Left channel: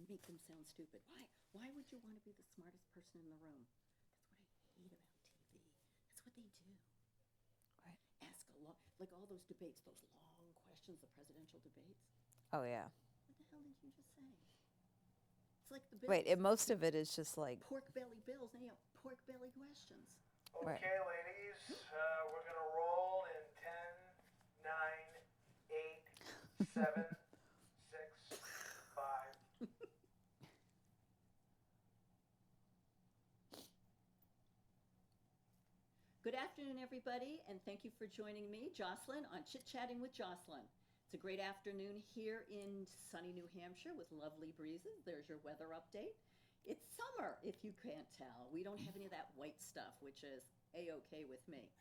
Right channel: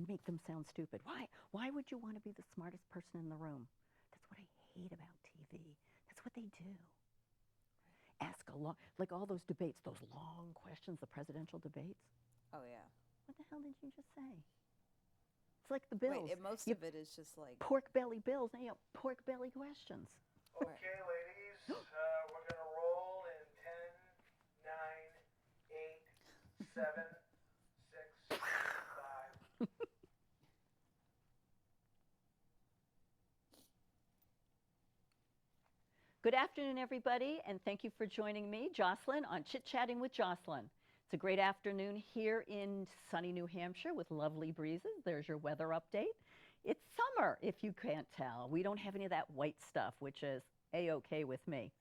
make them sound stupid. Why would you want to be the smartest person in the room? That's what I hate about TV. That's what they do. Right. Ask a lot, like all those debates, those long questions, the presidential debates. Oh, yeah. What the hell did you just say? It's like the bills. Right, and most of it is just like pork belly bills, pork belly questions. Okay, Right. ladies, we're going to roll in 10, 9, 8, 7, 6, 5. Good afternoon, everybody, and thank you for joining me, Jocelyn, on Chit-Chatting with Jocelyn. It's a great afternoon here in sunny New Hampshire with lovely breezes. There's your weather update. It's summer, if you can't tell. We don't have any of that white stuff, which is A-OK with me.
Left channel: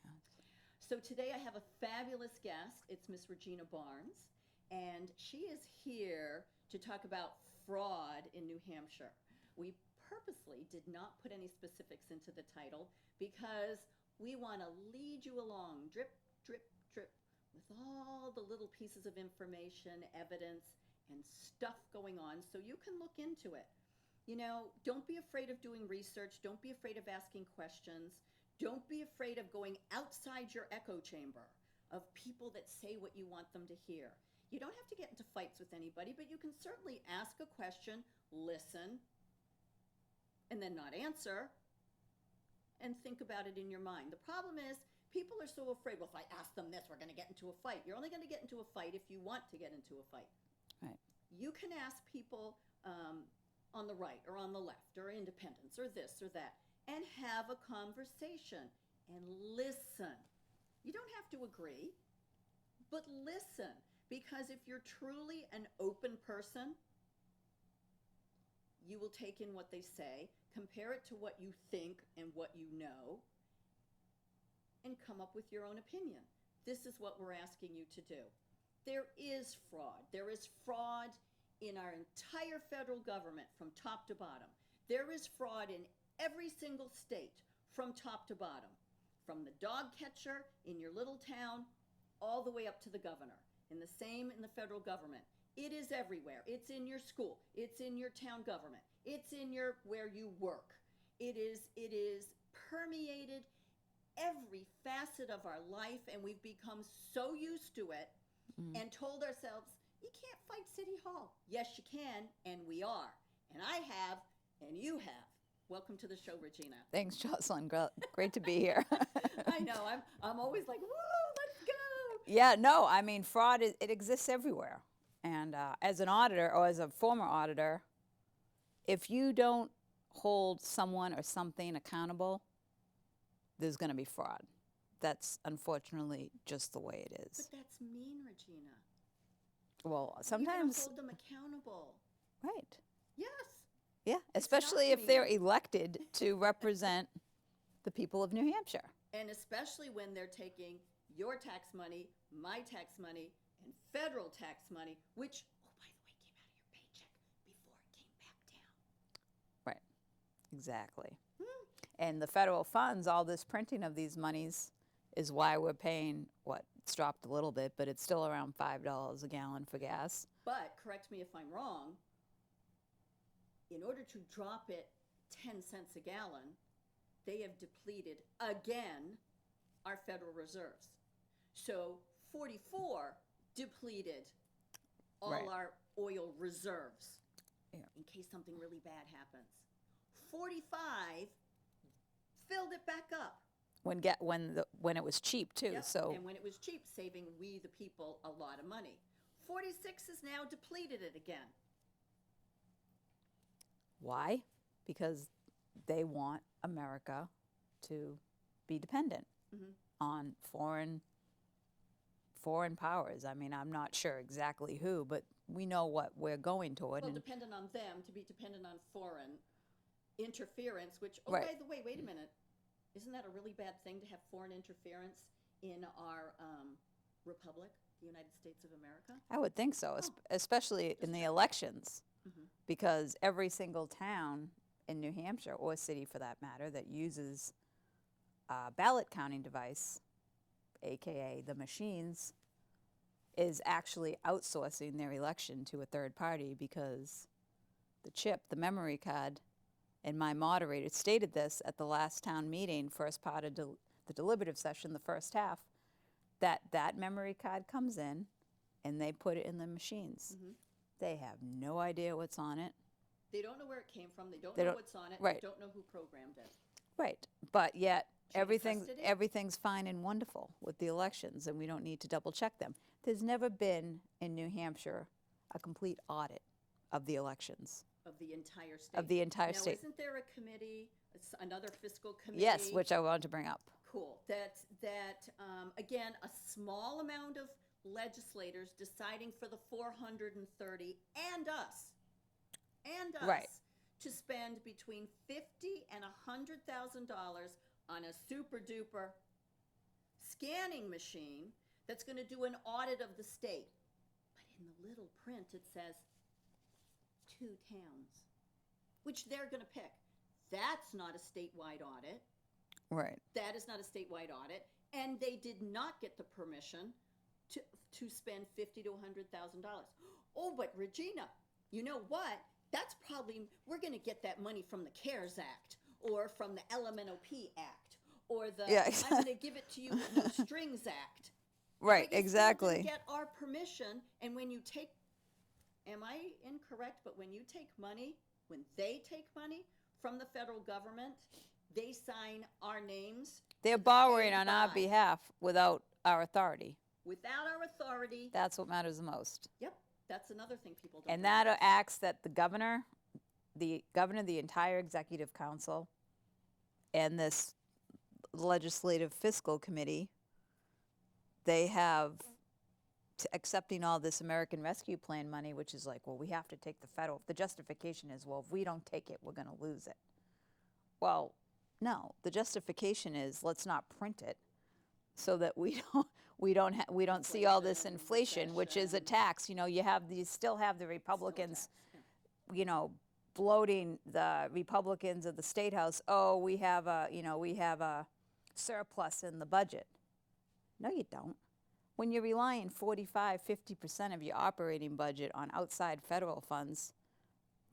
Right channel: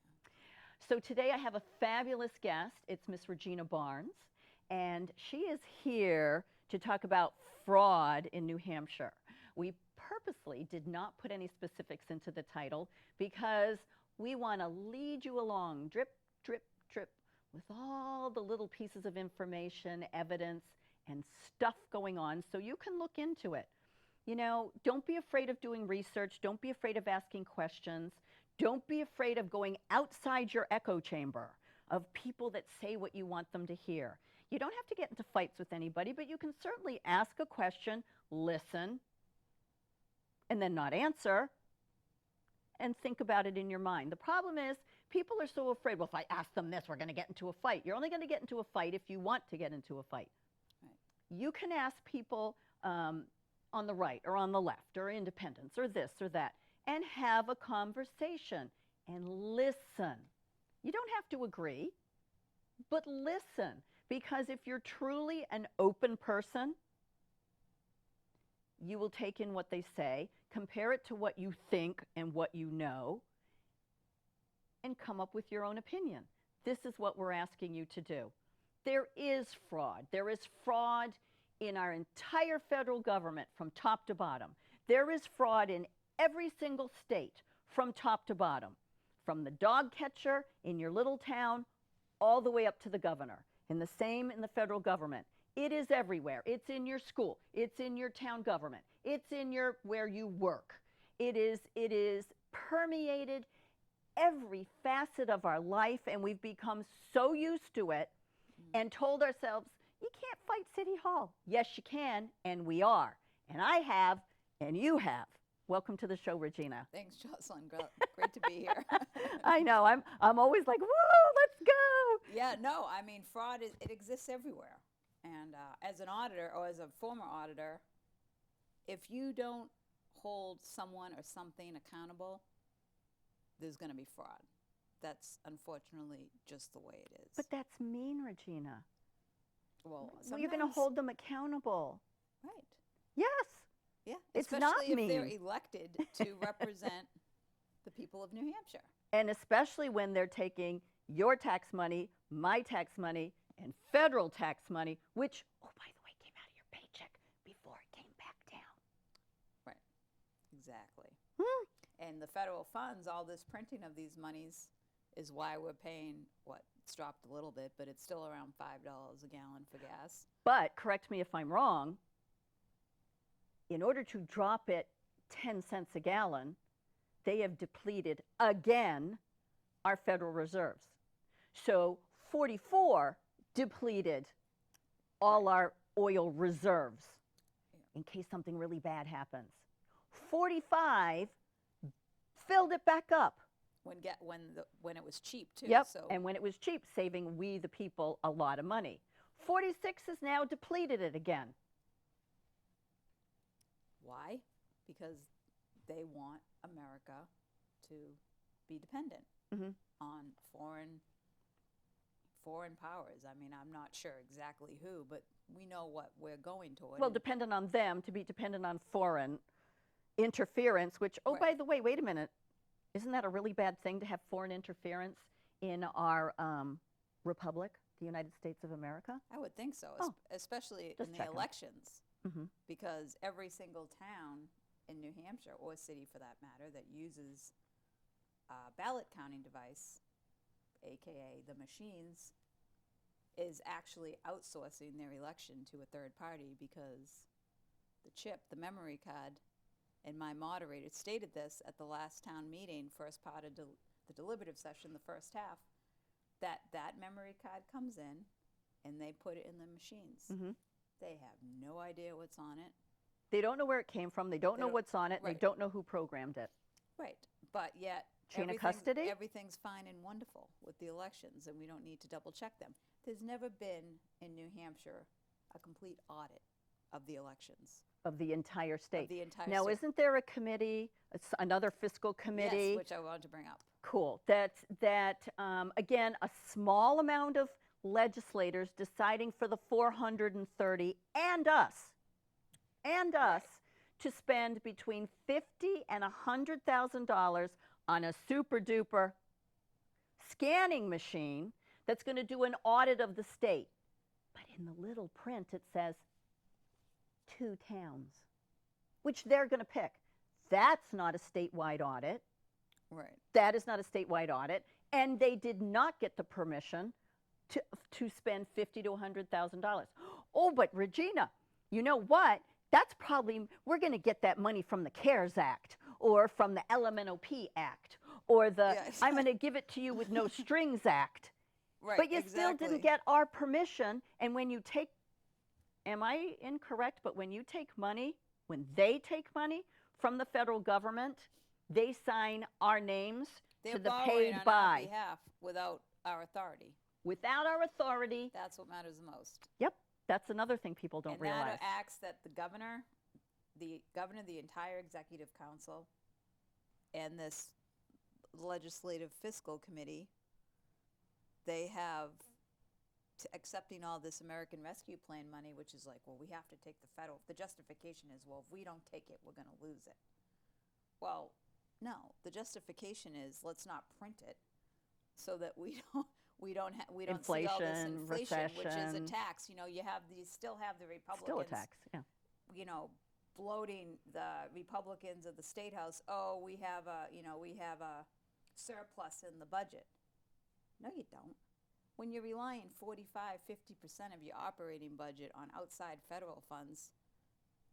So today I have a fabulous guest. It's Miss Regina Barnes, and she is here to talk about fraud in New Hampshire. We purposely did not put any specifics into the title because we want to lead you along, drip, drip, drip, with all the little pieces of information, evidence, and stuff going on so you can look into it. You know, don't be afraid of doing research. Don't be afraid of asking questions. Don't be afraid of going outside your echo chamber of people that say what you want them to hear. You don't have to get into fights with anybody, but you can certainly ask a question, listen, and then not answer, and think about it in your mind. The problem is people are so afraid, well, if I ask them this, we're going to get into a fight. You're only going to get into a fight if you want to get into a fight. Right. You can ask people on the right or on the left or independents or this or that and have a conversation and listen. You don't have to agree, but listen, because if you're truly an open person, you will take in what they say, compare it to what you think and what you know, and come up with your own opinion. This is what we're asking you to do. There is fraud. There is fraud in our entire federal government from top to bottom. There is fraud in every single state from top to bottom, from the dog catcher in your little town all the way up to the governor, and the same in the federal government. It is everywhere. It's in your school. It's in your town government. It's in your where you work. It is permeated every facet of our life, and we've become so used to it and told ourselves, you can't fight City Hall. Yes, you can, and we are. And I have, and you have. Welcome to the show, Regina. Thanks, Jocelyn. Great to be here. I know. I'm always like, whoa, let's go. Yeah, no, I mean, fraud, it exists everywhere. And as an auditor or as a former auditor, if you don't hold someone or something accountable, there's going to be fraud. That's unfortunately just the way it is. But that's mean, Regina. Well, You're sometimes. going to hold them accountable. Right. Yes. Yeah, It's especially not if they're mean. elected to represent the people of New Hampshire. And especially when they're taking your tax money, my tax money, and federal tax money, which, oh, by the way, came out of your paycheck before it came back down. Right. Exactly. And the federal funds, all this printing of these monies is why we're paying, what, it's dropped a little bit, but it's still around $5 a gallon for gas. But correct me if I'm wrong, in order to drop it 10 cents a gallon, they have depleted again our Federal Reserves. So 44 depleted all Right. our oil reserves Yeah. in case something really bad happens. 45 filled it back up. When it was cheap too. Yep. So And when it was cheap, saving we the people a lot of money. 46 has now depleted it again. why? Because they want America to be dependent on foreign powers. I mean, I'm not sure exactly who, but we know what we're going toward. Well, and dependent on them, to be dependent on foreign interference, which, oh, Right. by the way, wait a minute. Isn't that a really bad thing to have foreign interference in our republic, the United States of America? I would think so, especially in the checking. elections, because every single town in New Hampshire, or city for that matter, that uses a ballot counting device, AKA the machines, is actually outsourcing their election to a third party because the chip, the memory card, and my moderator stated this at the last town meeting, first part of the deliberative session, the first half, that memory card comes in and they put it in the machines. Mhm. They have no idea what's on it. They don't know where it came from. They don't know what's on it. right. They don't know who programmed it. Right, but yet Chain of custody? everything's fine and wonderful with the elections, and we don't need to double check them. There's never been in New Hampshire a complete audit of the elections. Of the entire state. Of the entire now, state. isn't there a committee, another fiscal committee? Yes, which I wanted to bring up. Cool. That again, a small amount of legislators deciding for the 430 and us Right. to spend between $50,000 and $100,000 on a super duper scanning machine that's going to do an audit of the state. But in the little print, it says 2 towns, which they're going to pick. That's not a statewide audit. Right. That is not a statewide audit, and they did not get the permission to spend $50,000 to $100,000. Oh, but Regina, you know what? That's probably, we're going to get that money from the CARES Act or from the LMNOP Act or the I'm going to give it to you with no strings Act. Right, But you exactly. still didn't get our permission, and when you take, am I incorrect, but when you take money, when they take money from the federal government, they sign our names. They're to the borrowing paid on by. our behalf without our authority. Without our authority. That's what matters the most. Yep, that's another thing people don't And realize. that acts that the governor, the entire executive council, and this legislative fiscal committee, they have accepting all this American Rescue Plan money, which is like, well, we have to take the federal. The justification is, well, if we don't take it, we're going to lose it. Well, no, the justification is let's not print it, so that we don't see all this inflation, which is a recession. tax. You know, you still have the Republicans, Still a tax, yeah. you know, bloating the Republicans of the State House. Oh, we have a surplus in the budget. No, you don't. When you're relying 45-50% of your operating budget on outside federal funds,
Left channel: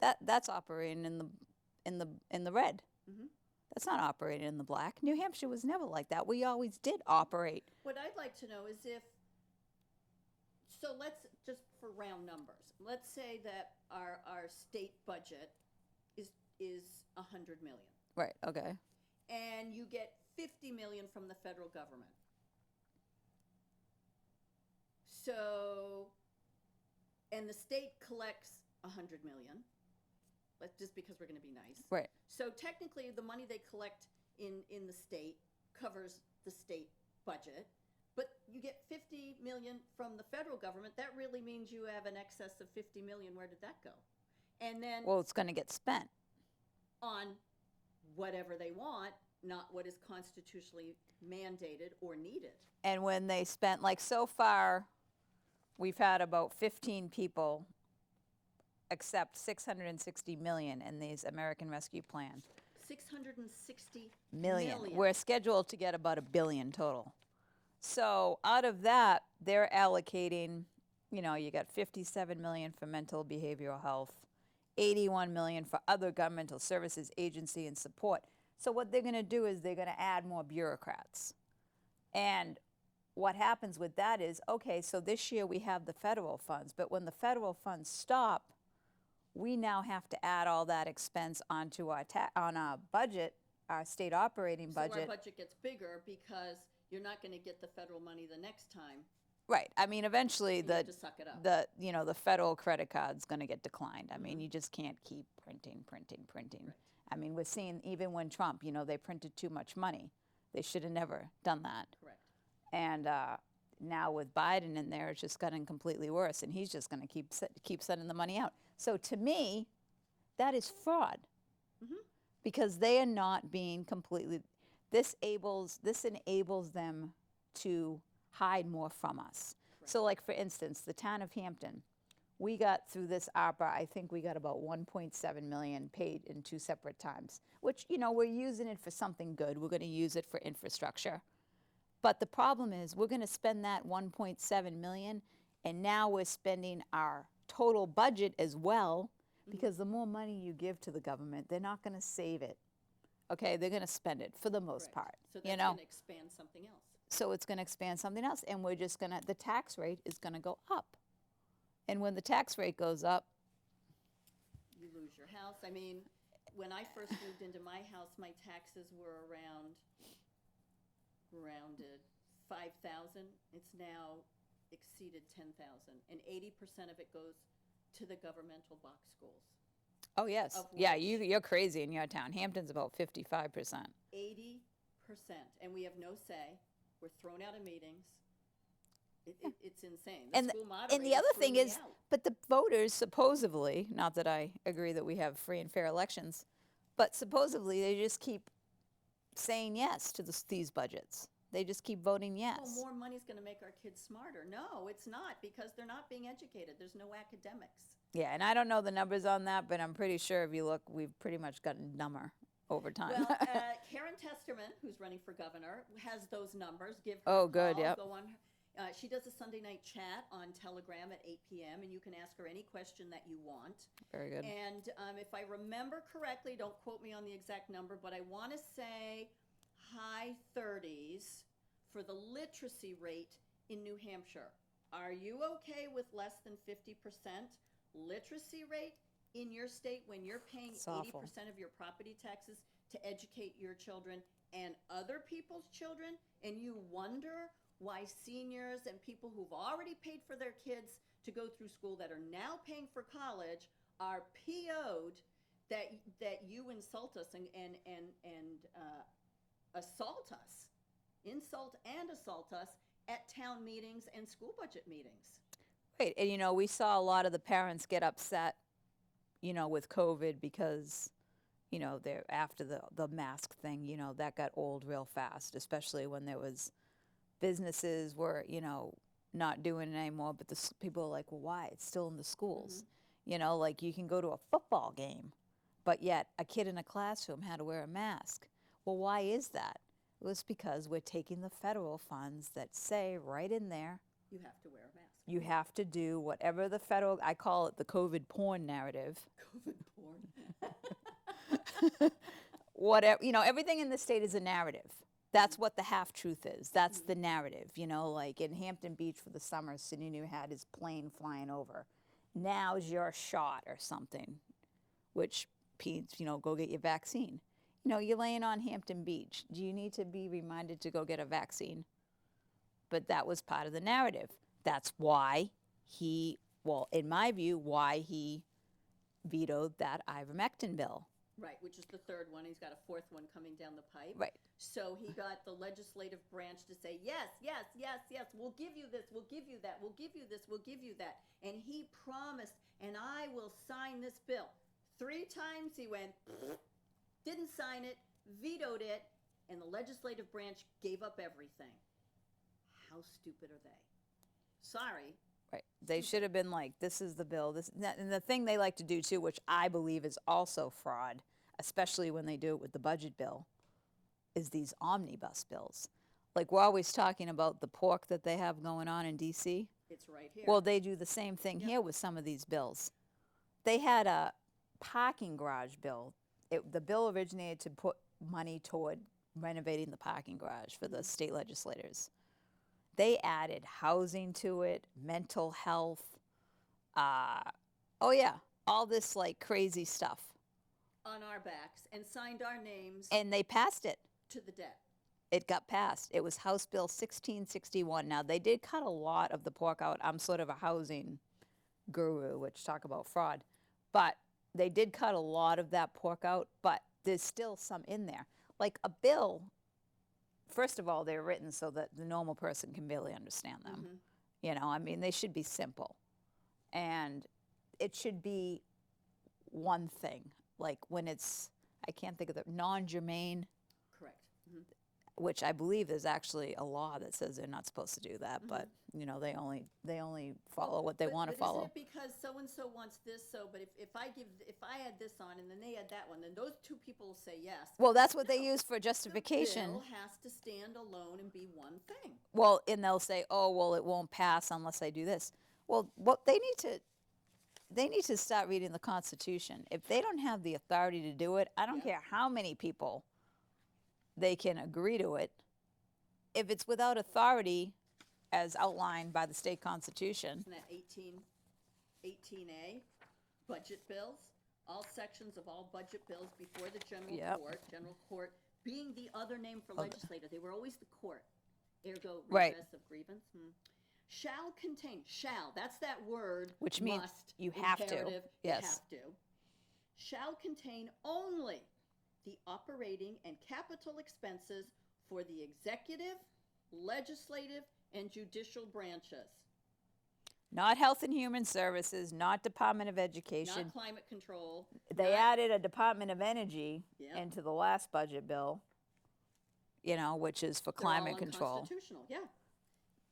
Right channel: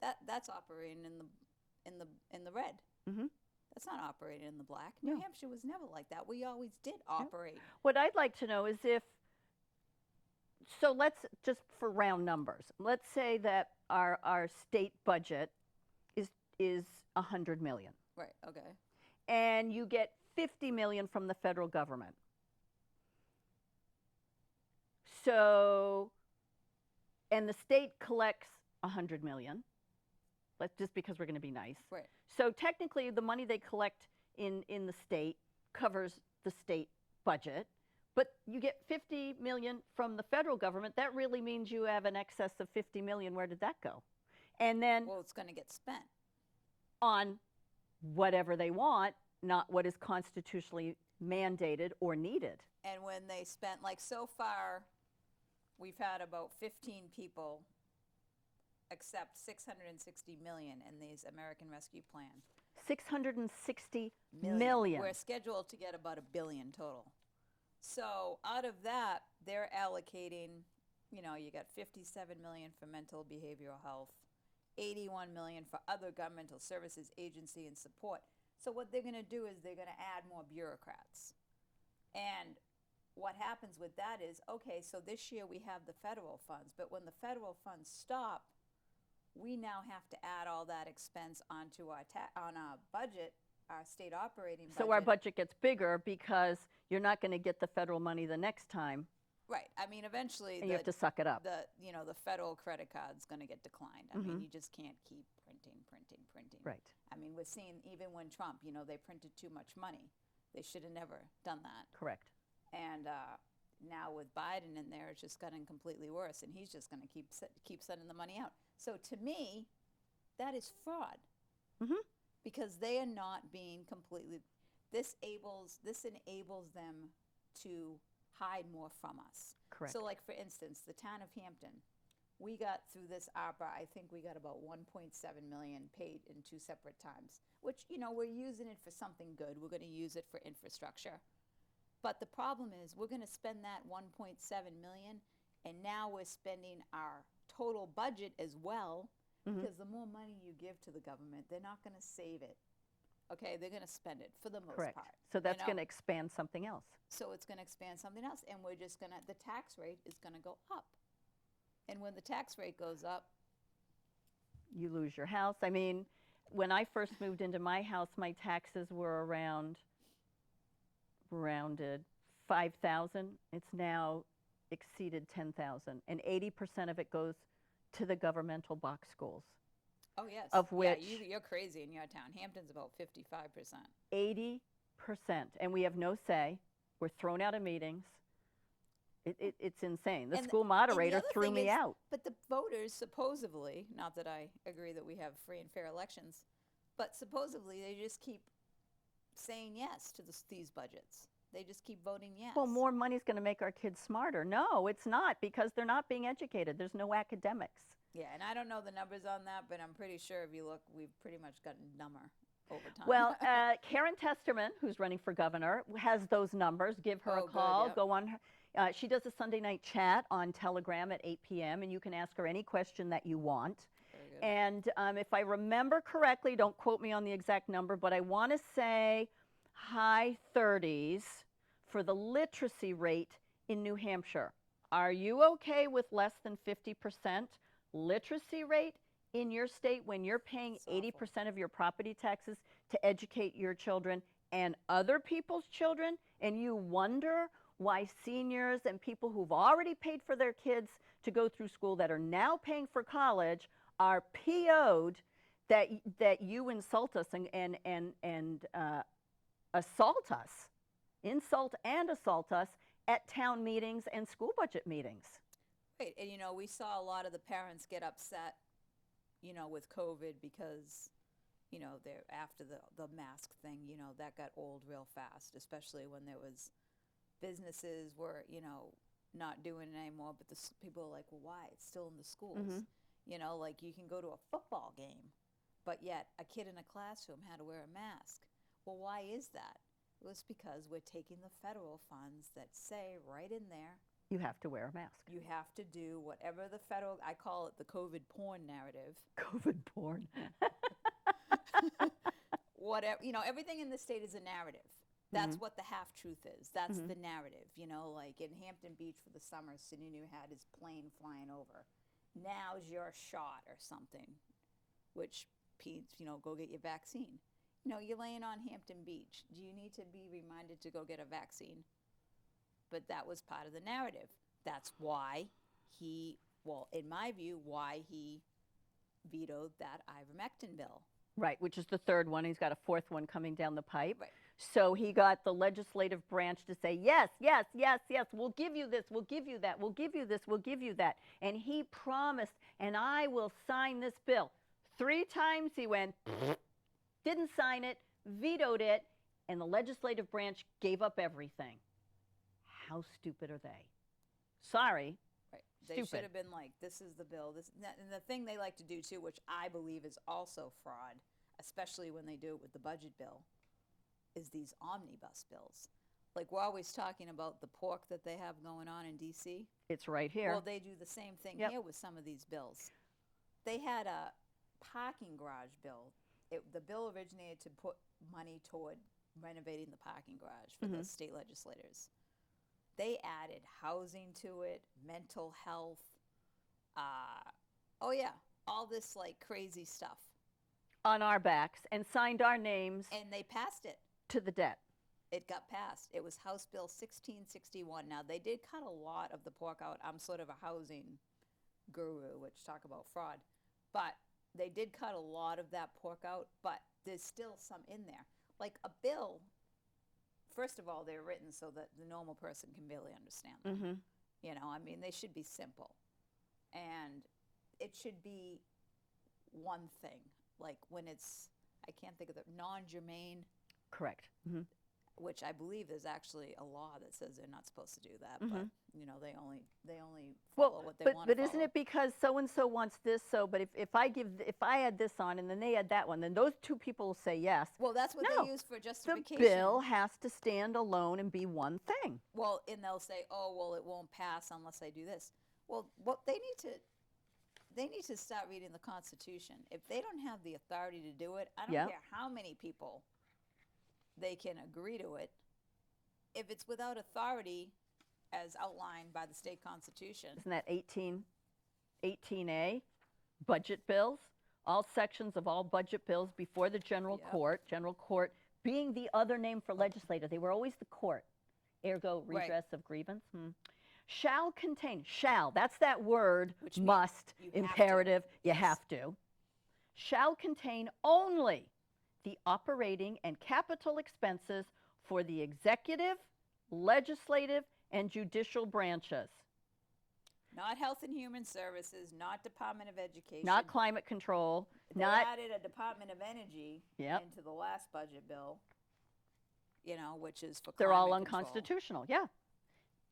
that's operating in the red. Mm-hmm. That's not operating in the black. New Hampshire was never like that. We always did operate. What I'd like to know is so let's just for round numbers, let's say that our state budget is $100 million. Right, okay. And you get $50 million from the federal government. So, and the state collects $100 million. Just because we're going to be nice. Right. So technically, the money they collect in the state covers the state budget, but you get $50 million from the federal government. That really means you have an excess of $50 million. Where did that go? And then Well, it's going to get spent. on whatever they want, not what is constitutionally mandated or needed. And when they spent, like so far, we've had about 15 people accept $660 million in these American Rescue Plan. 660 million. We're scheduled to get about $1 billion total. So out of that, they're allocating, you know, you got 57 million for mental behavioral health, 81 million for other governmental services, agency, and support. So what they're going to do is they're going to add more bureaucrats. And what happens with that is, okay, so this year we have the federal funds, but when the federal funds stop, we now have to add all that expense onto our budget, our state operating budget. So our budget gets bigger because you're not going to get the federal money the next time. Right. I mean, eventually You have to suck it up. the federal credit card's going to get declined. I mean, you just can't keep printing. Right. I mean, we're seeing even when Trump, they printed too much money. They should have never done that. Correct. And now with Biden in there, it's just gotten completely worse, and he's just going to keep sending the money out. So to me, that is fraud, because they are not being completely. This enables them to hide more from us. Correct. So, like for instance, the town of Hampton, we got through this ARPA. I think we got about 1.7 million paid in 2 separate times. Which we're using it for something good. We're going to use it for infrastructure. But the problem is we're going to spend that 1.7 million, and now we're spending our total budget as well, because the more money you give to the government, they're not going to save it. Okay, they're going to spend it for the most Correct. part. So that's going to expand something else. So it's going to expand something else, and we're just going to, the tax rate is going to go up. And when the tax rate goes up, You lose your house. I mean, when I first moved into my house, my taxes were rounded 5,000. It's now exceeded 10,000, and 80% of it goes to the governmental box schools. oh yes, Of yeah, which- you're crazy in your town. Hampton's about 55%. 80%, and we have no say. We're thrown out of meetings. It's insane. The And school and moderator the other threw thing me is, out. but the voters supposedly, not that I agree that we have free and fair elections, but supposedly they just keep saying yes to these budgets. They just keep voting yes. Well, more money's going to make our kids smarter. No, it's not, because they're not being educated. There's no academics. Yeah, and I don't know the numbers on that, but I'm pretty sure if you look, we've pretty much gotten dumber over time. Well, Karen Testerman, who's running for governor, has those numbers. Give her Oh, a good, call. yep. Go on her. She does a Sunday night chat on Telegram at 8 p.m., and you can ask her any question that you want. Very good. And if I remember correctly, don't quote me on the exact number, but I want to say high 30s for the literacy rate in New Hampshire. Are you okay with less than 50% literacy rate in your state when you're paying It's awful. 80% of your property taxes to educate your children and other people's children? And you wonder why seniors and people who've already paid for their kids to go through school that are now paying for college are PO'd that you insult us and assault us, insult and assault us at town meetings and school budget meetings. Right, and we saw a lot of the parents get upset, with COVID because, they're after the mask thing, that got old real fast, especially when there was businesses were, not doing it anymore, but people are like, well, why? It's still in the schools. Like you can go to a football game, but yet a kid in a classroom had to wear a mask. Well, why is that? It was because we're taking the federal funds that say right in there, You have to wear a mask. you have to do whatever the federal, I call it the COVID porn narrative. COVID porn. Whatever, everything in the state is a narrative. That's what the half truth is. That's the narrative. Like in Hampton Beach for the summer, Sununu had his plane flying over. Now's your shot or something, which means, go get your vaccine. You're laying on Hampton Beach. Do you need to be reminded to go get a vaccine? But that was part of the narrative. That's why in my view, why he vetoed that ivermectin bill. Right, which is the third one. He's got a fourth one coming down the pipe. Right. So he got the legislative branch to say, yes, yes, yes, yes, we'll give you this, we'll give you that, we'll give you this, we'll give you that. And he promised, and I will sign this bill. 3 times he went, didn't sign it, vetoed it, and the legislative branch gave up everything. How stupid are they? Sorry. Right. They should Stupid. have been like, this is the bill. And the thing they like to do too, which I believe is also fraud, especially when they do it with the budget bill, is these omnibus bills. Like we're always talking about the pork that they have going on in D.C. It's right here. Well, they do the same thing Yep. here with some of these bills. They had a parking garage bill. The bill originated to put money toward renovating the parking garage for the state legislators. They added housing to it, mental health. All this like crazy stuff. on our backs and signed our names And they passed it. to the debt. It got passed. It was House Bill 1661. Now, they did cut a lot of the pork out. I'm sort of a housing guru, which talk about fraud. But they did cut a lot of that pork out, but there's still some in there. Like a bill, first of all, they're written so that the normal person can barely understand them. They should be simple. And it should be one thing. Like when it's, I can't think of the, non-germane, Correct. which I believe is actually a law that says they're not supposed to do that, but they only follow what they want to follow. But isn't it because so and so wants this? So, but if I add this on and then they add that one, then those two people will say yes. Well, that's what No, they use for The justification. bill has to stand alone and be one thing. Well, and they'll say, "Oh, well, it won't pass unless I do this." Well, what they they need to start reading the Constitution. If they don't have the authority to do it, I don't Yeah. care how many people they can agree to it. If it's without authority, as outlined by the state constitution, Isn't that 18A, budget bills? All sections of all budget bills before the general court being the other name for legislator. They were always the court, ergo Right. redress of grievance. Shall contain, shall, that's that word, Which means must, you have to. imperative, you Yes. have to. Shall contain only the operating and capital expenses for the executive, legislative, and judicial branches. not Health and Human Services, not Department of Education. Not climate control. They not, added a Department of Energy Yep. into the last budget bill, which is for they're climate all control. unconstitutional. Yeah.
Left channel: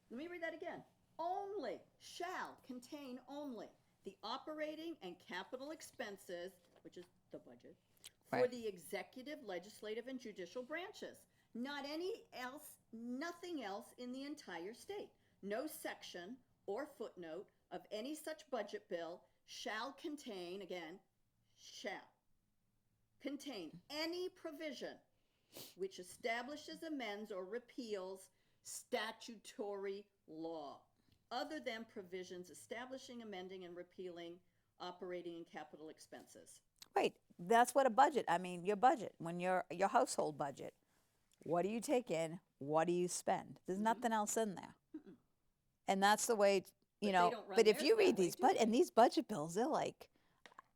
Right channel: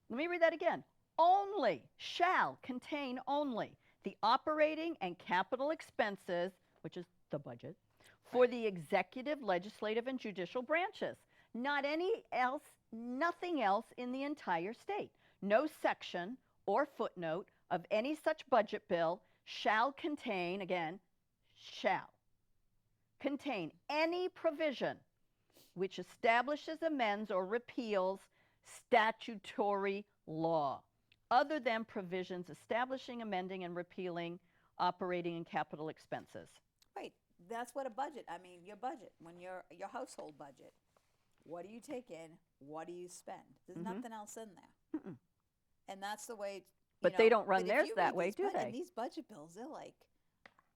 Let me read that again. Only, shall contain only the operating and capital expenses, which is the budget, for Right. the executive, legislative, and judicial branches. Not any else, nothing else in the entire state. No section or footnote of any such budget bill shall contain, again, shall contain any provision which establishes, amends, or repeals statutory law, other than provisions establishing, amending, and repealing operating and capital expenses. Right. That's what a budget. I mean, your budget, when your household budget, what do you take in? What do you spend? There's nothing else in there. And that's the way. But they don't run But if theirs you that read way, these, do and they? these budget bills, they're like,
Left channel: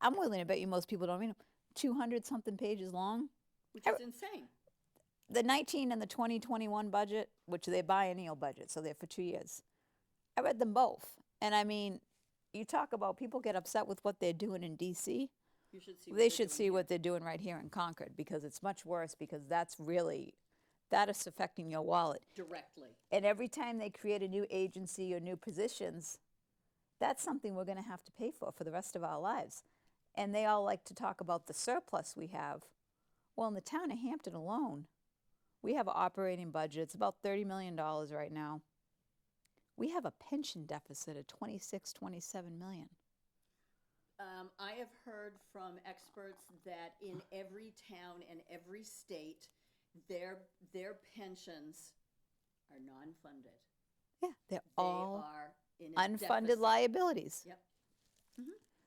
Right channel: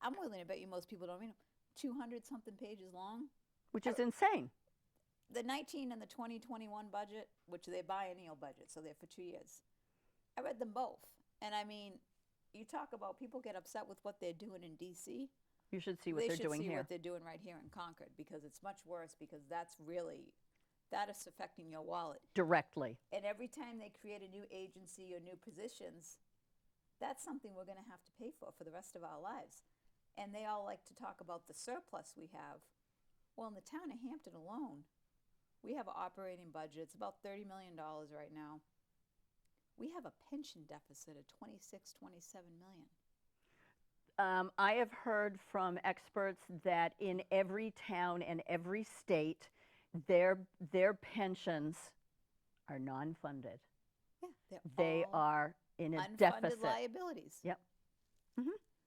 I'm willing to bet you most people don't read them. 200-something pages long. Which is insane. The 19 and the 2021 budget, which they're biennial budget, so they're for 2 years. I read them both, and I mean, you talk about people get upset with what they're doing in D.C. You should see what They they're should doing see here. what they're doing right here in Concord, because it's much worse, because that is affecting your wallet. Directly. And every time they create a new agency or new positions, that's something we're going to have to pay for the rest of our lives. And they all like to talk about the surplus we have. Well, in the town of Hampton alone, we have an operating budget. It's about $30 million right now. We have a pension deficit of 26, 27 million. I have heard from experts that in every town and every state, their pensions are non-funded. Yeah, they're They all are in a unfunded deficit. liabilities. Yep.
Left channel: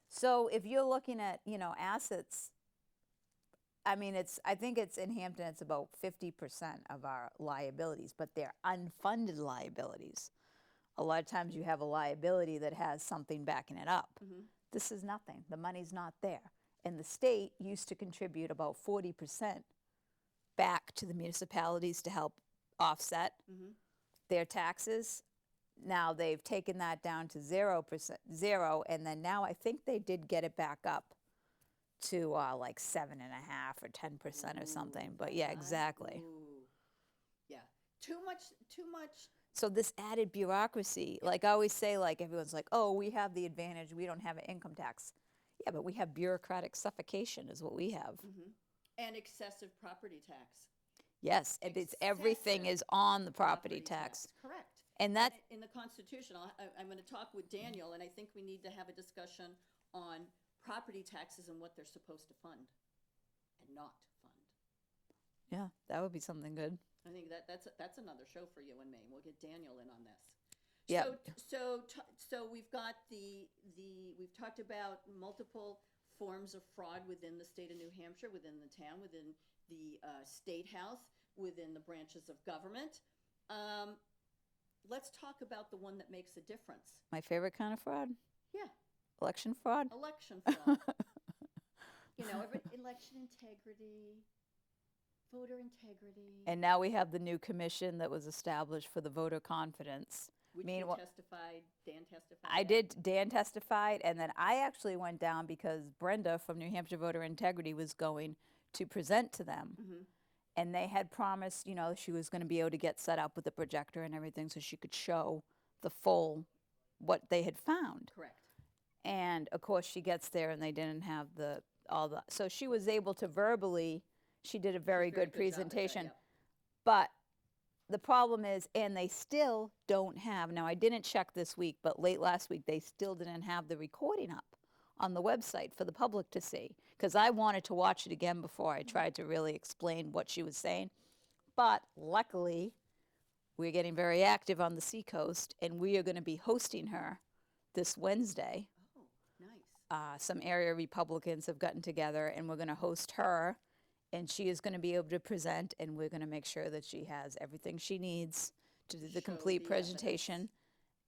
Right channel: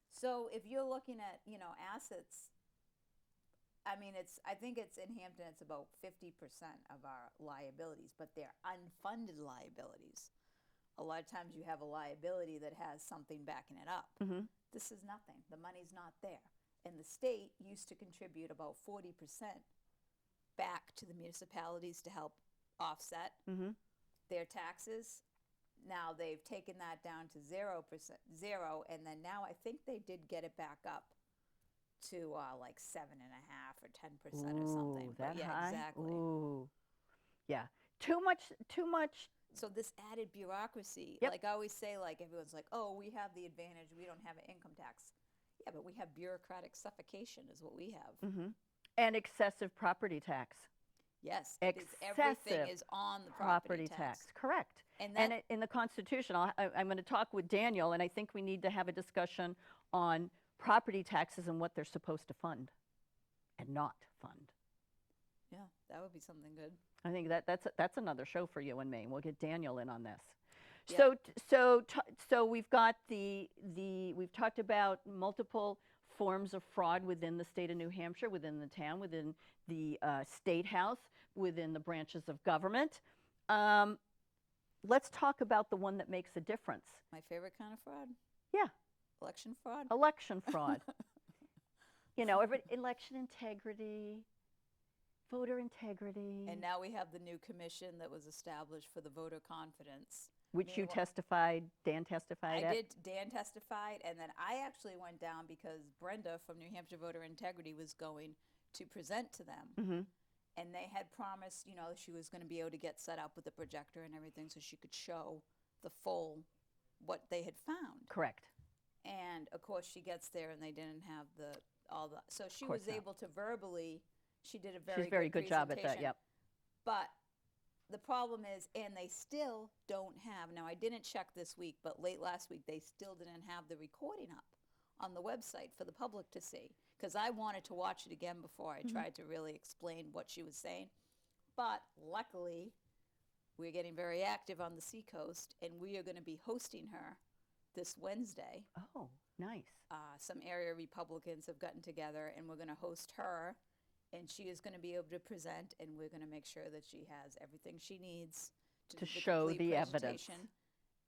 So if you're looking at, assets, I mean, I think it's in Hampton, it's about 50% of our liabilities, but they're unfunded liabilities. A lot of times you have a liability that has something backing it up. This is nothing. The money's not there. And the state used to contribute about 40% back to the municipalities to help offset their taxes. Now they've taken that down to 0%, and then now I think they did get it back up to like 7.5% or 10% or something. Ooh, But that yeah, high? exactly. Ooh. Yeah. Too much. So this added bureaucracy, Yep. like I always say, like everyone's like, oh, we have the advantage, we don't have an income tax. Yeah, but we have bureaucratic suffocation is what we have. And excessive property tax. Yes, everything Excessive is on the property tax. Correct. And that in the Constitution, I'm going to talk with Daniel, and I think we need to have a discussion on property taxes and what they're supposed to fund and not fund. yeah, that would be something good. I think that's another show for you and me. We'll get Daniel in on this. Yeah. So we've got we've talked about multiple forms of fraud within the state of New Hampshire, within the town, within the state house, within the branches of government. Let's talk about the one that makes a difference. My favorite kind of fraud, Yeah, election fraud. election fraud. Election integrity, voter integrity. And now we have the new commission that was established for the voter confidence. Which you Meanwhile- testified, Dan testified I at? did. Dan testified, and then I actually went down because Brenda from New Hampshire Voter Integrity was going to present to them. And they had promised, she was going to be able to get set up with a projector and everything so she could show the full, what they had found. Correct. And of course she gets there and they didn't have so she course was not. able to verbally, she did a very She's good job at that, presentation. yep. But the problem is, and they still don't have, now I didn't check this week, but late last week, they still didn't have the recording up on the website for the public to see, because I wanted to watch it again before I tried to really explain what she was saying. But luckily, we're getting very active on the Seacoast, and we are going to be hosting her this Wednesday. Oh, nice. Some area Republicans have gotten together, and we're going to host her, and she is going to be able to present, and we're going to make sure that she has everything she needs to do the show complete the presentation. evidence.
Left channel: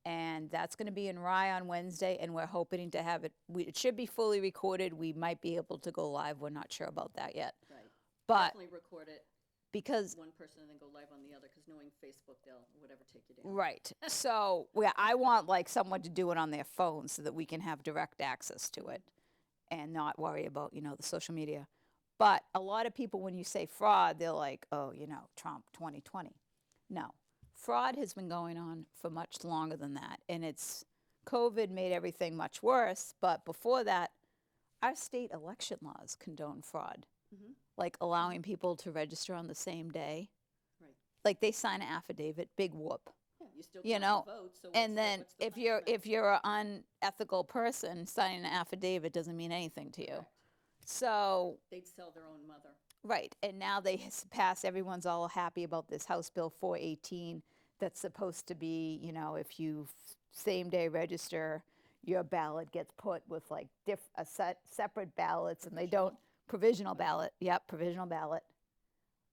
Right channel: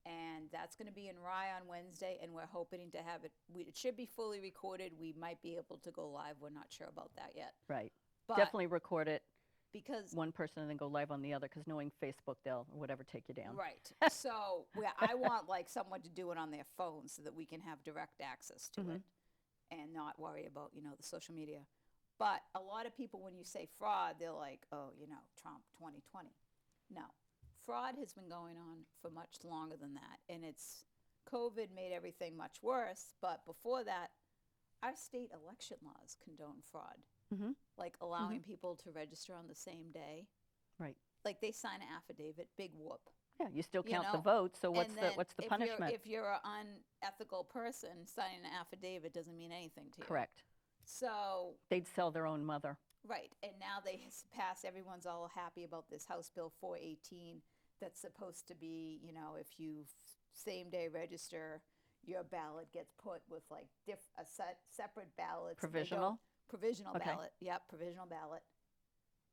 And that's going to be in Rye on Wednesday, and we're hoping to have it. It should be fully recorded. We might be able to go live. We're not sure about that yet. Right. But Definitely record it, because one person, and then go live on the other, because knowing Facebook, they'll whatever take you down. right, so I want like someone to do it on their phone so that we can have direct access to it, and not worry about the social media. But a lot of people, when you say fraud, they're like, oh, Trump 2020. No. Fraud has been going on for much longer than that, and COVID made everything much worse, but before that, our state election laws condone fraud, like allowing people to register on the same day. Right. Like they sign an affidavit, big whoop. Yeah, you still count the vote, so And then what's the if punishment? if you're an unethical person, signing an affidavit doesn't mean anything to you. Correct. So They'd sell their own mother. right, and now they pass. Everyone's all happy about this House Bill 418 that's supposed to be, if you same day register, your ballot gets put with like separate ballots. And they don't provisional Okay. ballot. Yep, provisional ballot.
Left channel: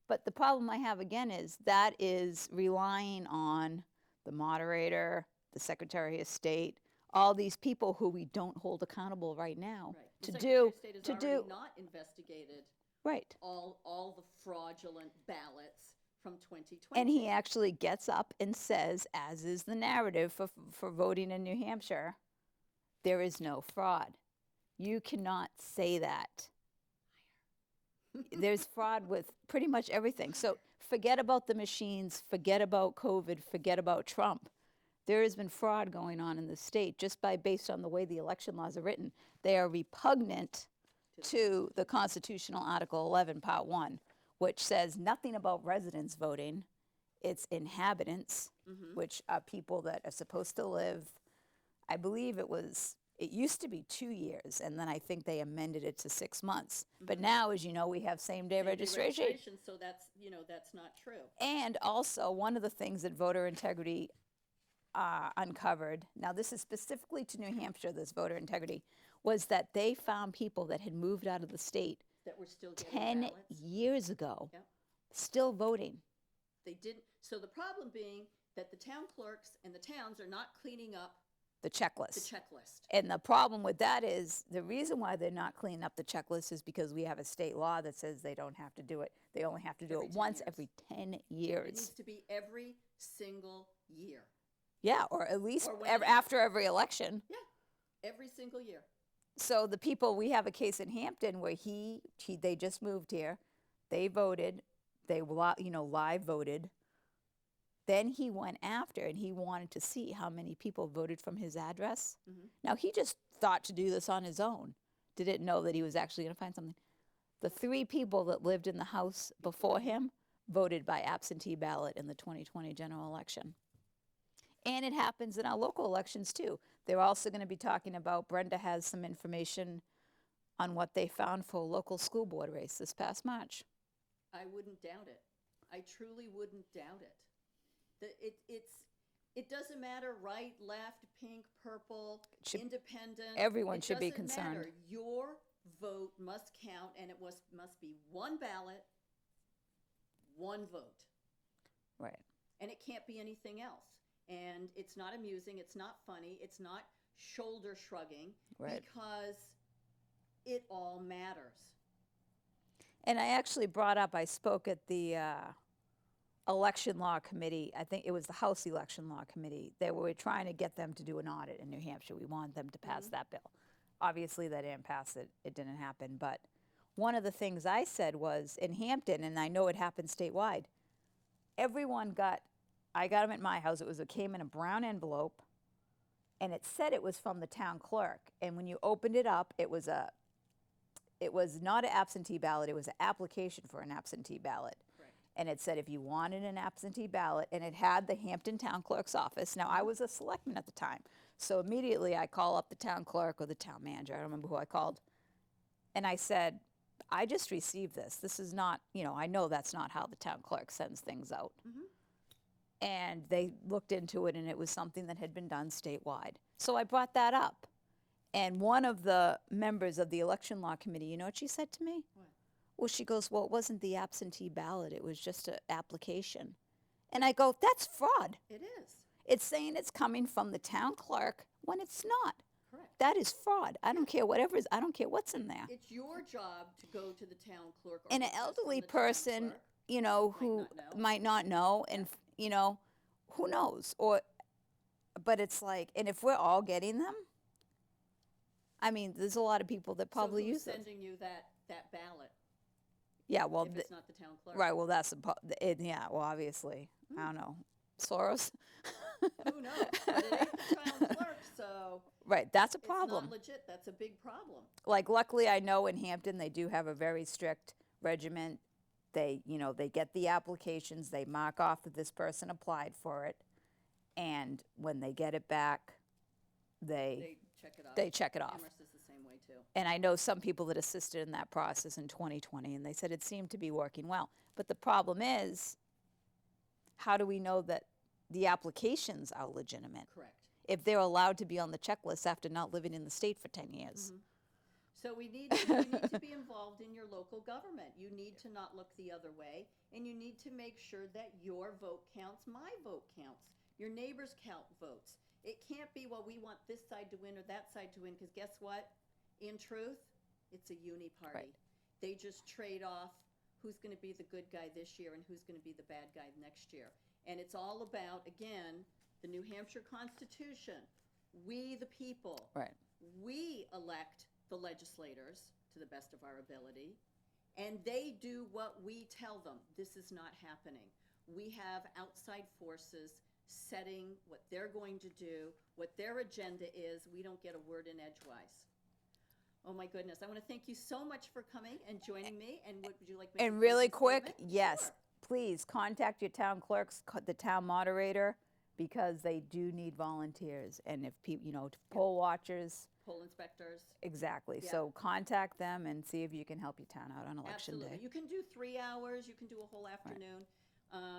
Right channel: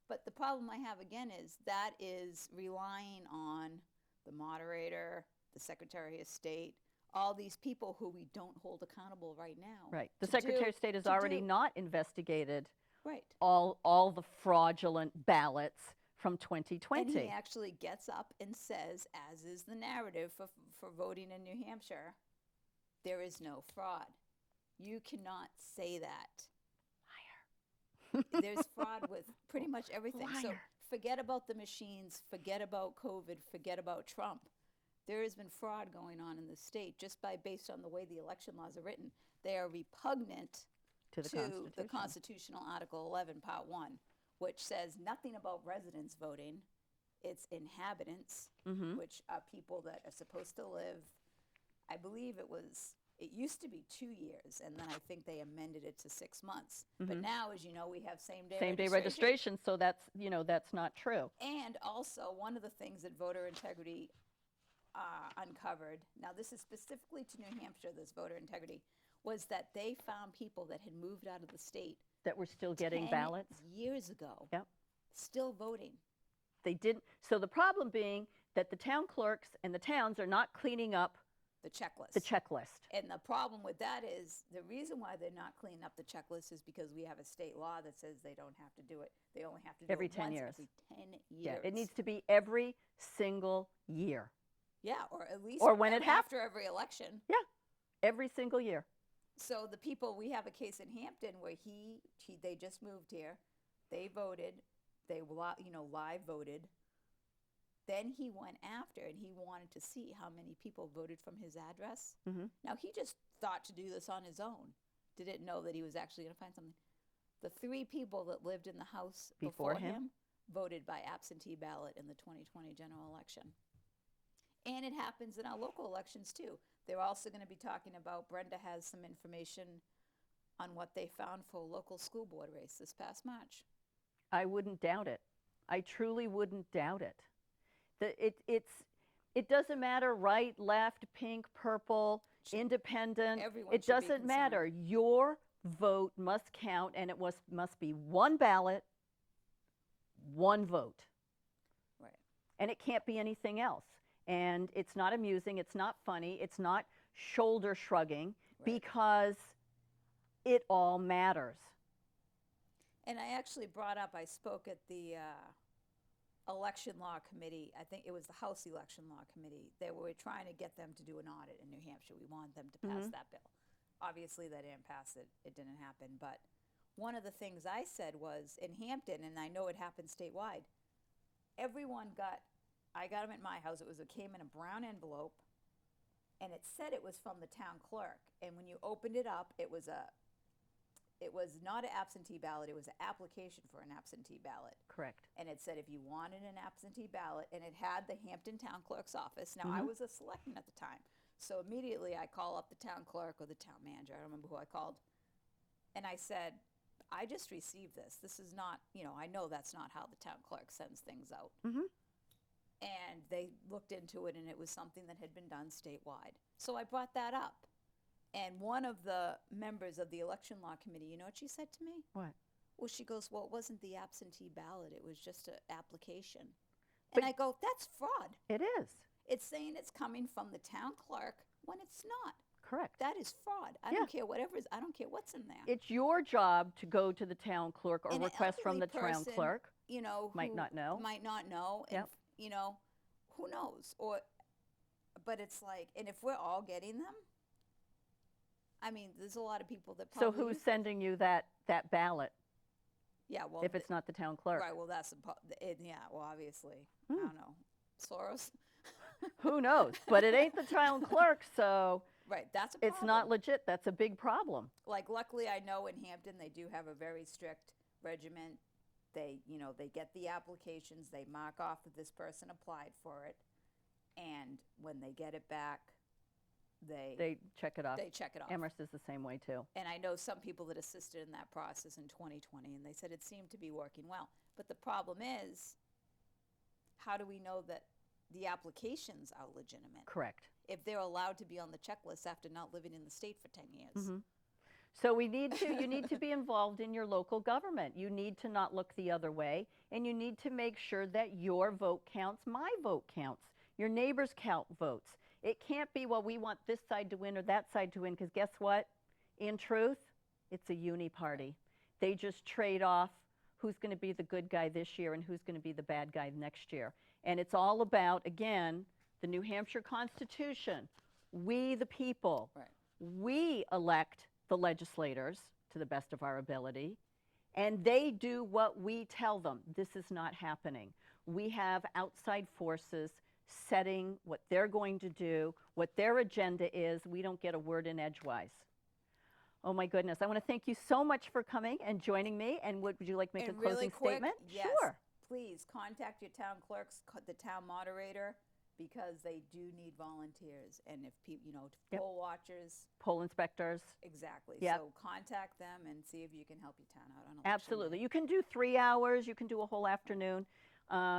But the problem I have again is that is relying on the moderator, the Secretary of State, all these people who we don't hold accountable right now. Right. The to Secretary do- of State has to already do- not investigated Right. all the fraudulent ballots from 2020. And he actually gets up and says, as is the narrative for voting in New Hampshire, there is no fraud. You cannot say that. There's fraud with pretty much everything. So Liar. forget about the machines, forget about COVID, forget about Trump. There has been fraud going on in the state just based on the way the election laws are written. They are repugnant to the Constitutional Article 11, Part 1, which says nothing about residents voting. It's inhabitants, which are people that are supposed to live. I believe it used to be 2 years, and then I think they amended it to 6 months. But now, as you know, we have same-day registration. So that's not true. And also, one of the things that voter integrity uncovered, now this is specifically to New Hampshire, this voter integrity, was that they found people that had moved out of the state That we're still getting 10 ballots. years ago, Yep. still voting. They didn't. So the problem being that the town clerks and the towns are not cleaning up The checklist. the checklist. And the problem with that is the reason why they're not cleaning up the checklist is because we have a state law that says they don't have to do it. They only have to do Every it 10 once years. every 10 Yeah, years. it needs to be every single year. Yeah, or at least Or when it after every election. Yeah, every single year. So the people, we have a case in Hampton where they just moved here. They voted. They live voted. Then he went after and he wanted to see how many people voted from his address. Now, he just thought to do this on his own. Didn't know that he was actually going to find something. The 3 people that lived in the house before him voted by absentee ballot in the 2020 general election. And it happens in our local elections, too. They're also going to be talking about, Brenda has some information on what they found for a local school board race this past March. I wouldn't doubt it. I truly wouldn't doubt it. It doesn't matter right, left, pink, purple, independent. Everyone should be It doesn't matter. Your vote must count, and it must be one ballot, one vote. Right. And it can't be anything else. And it's not amusing, it's not funny, it's not shoulder shrugging, Right. because it all matters. And I actually I spoke at the election law committee. I think it was the House election law committee. They were trying to get them to do an audit in New Hampshire. We wanted them to pass that bill. Obviously, they didn't pass it. It didn't happen. But one of the things I said was in Hampton, and I know it happened statewide, I got them at my house. It came in a brown envelope, and it said it was from the town clerk. And when you opened it up, it was not an absentee ballot. It was an application for an absentee ballot. Correct. And it said if you wanted an absentee ballot, and it had the Hampton Town Clerk's office. Now, I was a selectman at the time, So immediately I call up the town clerk or the town manager. I don't remember who I called. And I said, I just received this. This is not, I know that's not how the town clerk sends things out. And they looked into it, and it was something that had been done statewide. So I brought that up. And one of the members of the election law committee, you know what she said to me? What? Well, she goes, well, it wasn't the absentee ballot. It was just an application. And I go, that's fraud. It is. It's saying it's coming from the town clerk when it's not. Correct. That is fraud. I don't Yeah. care I don't care what's in there. It's your job to go to the town clerk or And an request from elderly the person, town clerk. Who might not know, and who knows? But it's like, and if we're all getting them, I mean, there's a lot of people that probably So who's use this. sending you that ballot Yeah, well, if it's not the town clerk? right. Well, that's yeah. Well, obviously, I don't know, Soros. Who knows? But it ain't the town clerk, so Right, that's a problem. it's not legit. That's a big problem. Like, luckily, I know in Hampton they do have a very strict regiment. They get the applications, they mark off that this person applied for it, and when they get it back, They check it off. they check it off. Amherst is the same way too. And I know some people that assisted in that process in 2020, and they said it seemed to be working well. But the problem is, how do we know that the applications are legitimate Correct. if they're allowed to be on the checklist after not living in the state for 10 years? So you need to be involved in your local government. You need to not look the other way, and you need to make sure that your vote counts, my vote counts, your neighbors count votes. It can't be, well, we want this side to win or that side to win, because guess what? In truth, it's a uni party. Right. They just trade off who's going to be the good guy this year and who's going to be the bad guy next year. And it's all about, again, the New Hampshire Constitution. We, the people, Right. we elect the legislators to the best of our ability, and they do what we tell them. This is not happening. We have outside forces setting what they're going to do, what their agenda is. We don't get a word in edgewise. Oh my goodness. I want to thank you so much for coming and joining me. And would you like to make And a really closing quick, statement? yes, Sure. please contact your town clerks, the town moderator, because they do need volunteers. And if people, poll watchers, Poll inspectors. exactly. Yep. So contact them and see if you can help your town out on election Absolutely. day. You can do 3 hours. You can do a whole afternoon.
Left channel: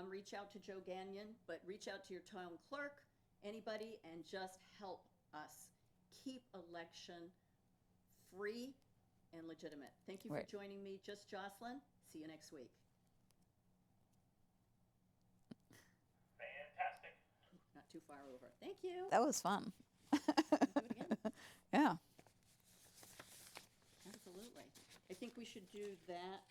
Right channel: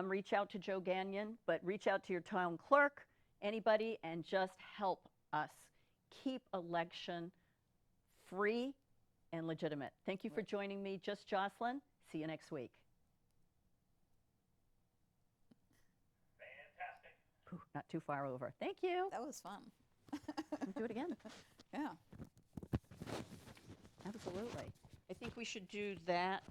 Reach out to Joe Gagnon, but reach out to your town clerk, anybody, and just help us keep election free and legitimate. Thank you for Right. joining me, Just Jocelyn. See you next week. Fantastic. Phew, not too far over. Thank you. That was fun. Do it again. Yeah. Absolutely. I think we should do that.